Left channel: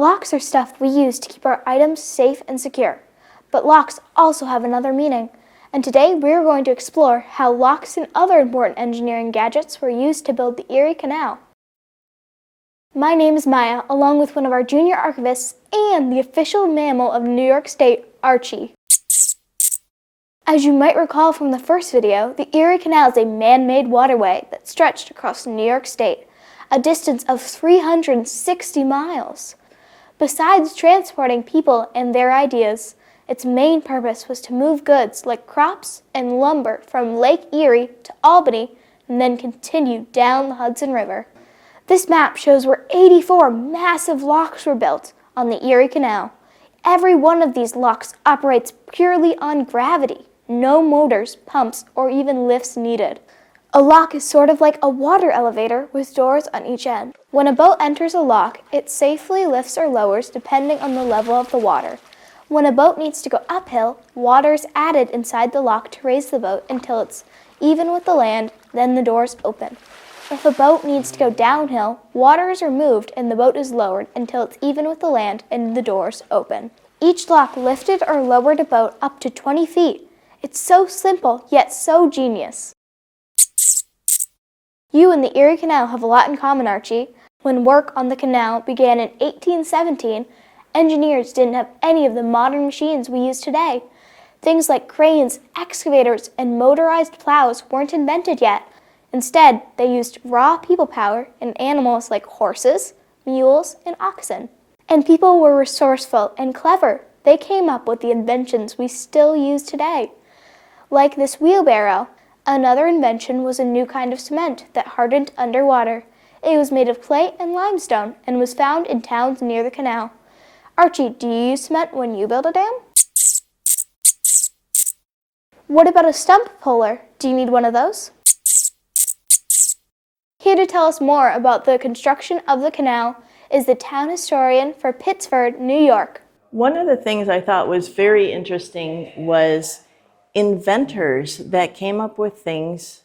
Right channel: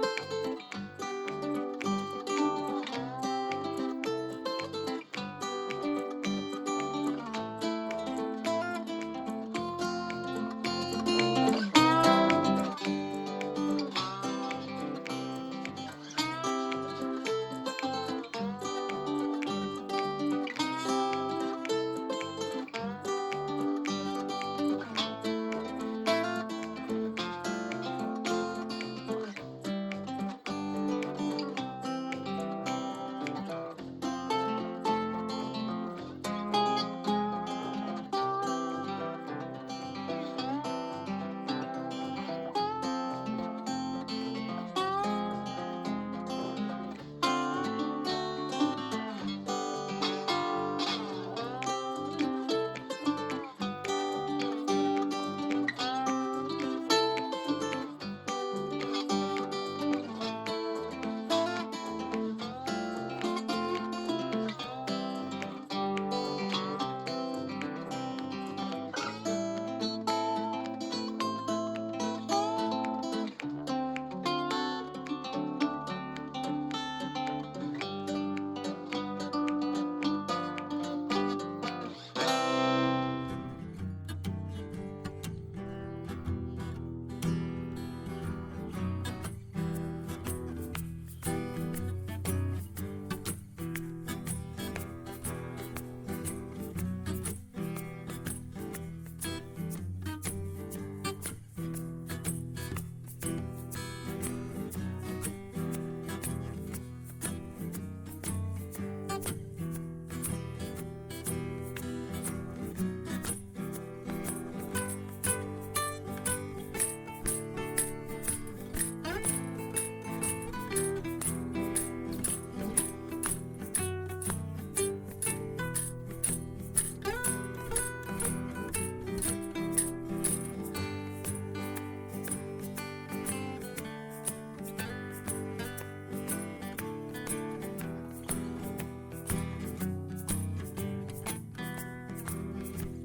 Locks are stuff we use to keep our items safe and secure. But locks also have another meaning. And today we're going to explore how locks and other important engineering gadgets were used to build the Erie Canal. My name is Maya, along with one of our junior archivists and the official mammal of New York State, Archie. As you might recall from the first video, the Erie Canal is a man-made waterway that stretched across New York State, a distance of 360 miles. Besides transporting people and their ideas, its main purpose was to move goods like crops and lumber from Lake Erie to Albany and then continue down the Hudson River. This map shows where 84 massive locks were built on the Erie Canal. Every one of these locks operates purely on gravity. No motors, pumps, or even lifts needed. A lock is sort of like a water elevator with doors on each end. When a boat enters a lock, it safely lifts or lowers depending on the level of the water. When a boat needs to go uphill, water is added inside the lock to raise the boat until it's even with the land, then the doors open. If a boat needs to go downhill, water is removed and the boat is lowered until it's even with the land and the doors open. Each lock lifted or lowered a boat up to 20 feet. It's so simple, yet so genius. You and the Erie Canal have a lot in common, Archie. When work on the canal began in 1817, engineers didn't have any of the modern machines we use today. Things like cranes, excavators, and motorized plows weren't invented yet. Instead, they used raw people power and animals like horses, mules, and oxen. And people were resourceful and clever. They came up with the inventions we still use today. Like this wheelbarrow. Another invention was a new kind of cement that hardened underwater. It was made of clay and limestone and was found in towns near the canal. Archie, do you use cement when you build a dam? What about a stump puller? Do you need one of those? Here to tell us more about the construction of the canal is the town historian for Pittsford, New York. One of the things I thought was very interesting was inventors that came up with things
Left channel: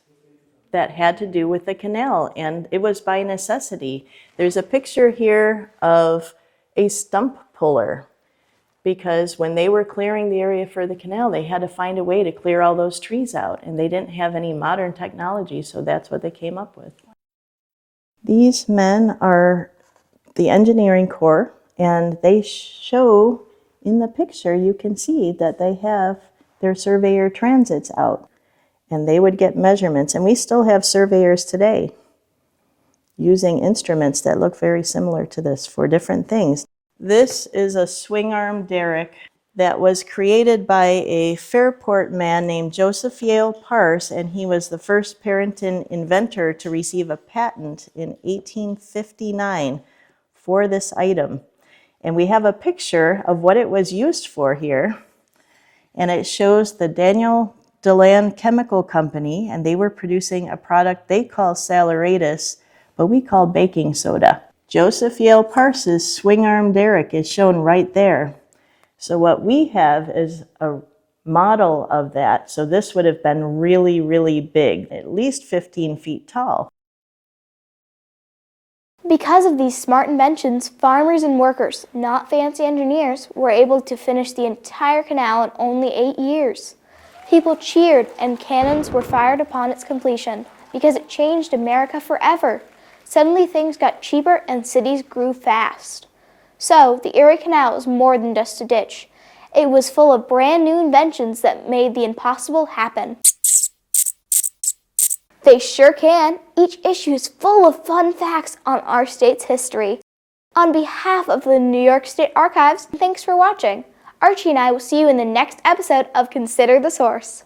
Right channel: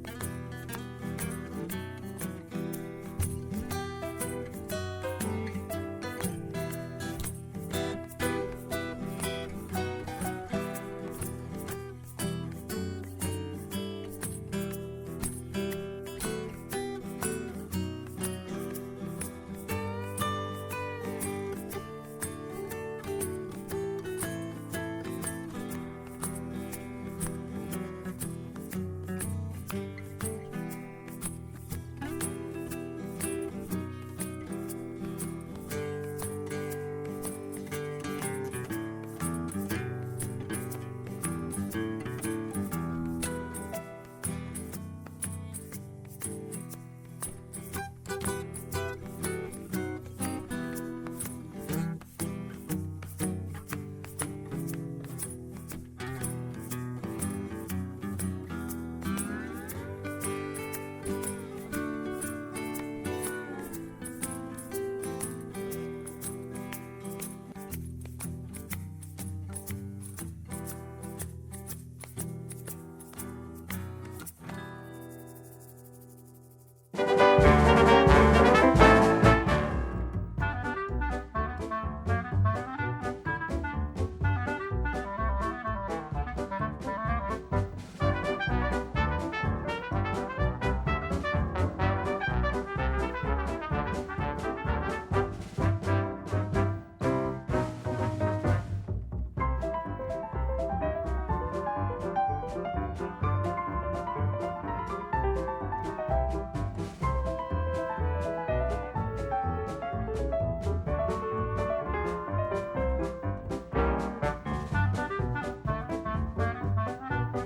that had to do with the canal, and it was by necessity. There's a picture here of a stump puller, because when they were clearing the area for the canal, they had to find a way to clear all those trees out, and they didn't have any modern technology, so that's what they came up with. These men are the engineering corps, and they show in the picture, you can see that they have their surveyor transits out, and they would get measurements, and we still have surveyors today using instruments that look very similar to this for different things. This is a swing arm derrick that was created by a Fairport man named Joseph Yale Parse, and he was the first Puritan inventor to receive a patent in 1859 for this item. And we have a picture of what it was used for here. And it shows the Daniel DeLand Chemical Company, and they were producing a product they call saleratus, but we call baking soda. Joseph Yale Parse's swing arm derrick is shown right there. So what we have is a model of that. So this would have been really, really big, at least 15 feet tall. Because of these smart inventions, farmers and workers, not fancy engineers, were able to finish the entire canal in only 8 years. People cheered and cannons were fired upon its completion because it changed America forever. Suddenly things got cheaper and cities grew fast. So the Erie Canal was more than just a ditch. It was full of brand new inventions that made the impossible happen. They sure can. Each issue is full of fun facts on our state's history. On behalf of the New York State Archives, thanks for watching. Archie and I will see you in the next episode of Consider the Source.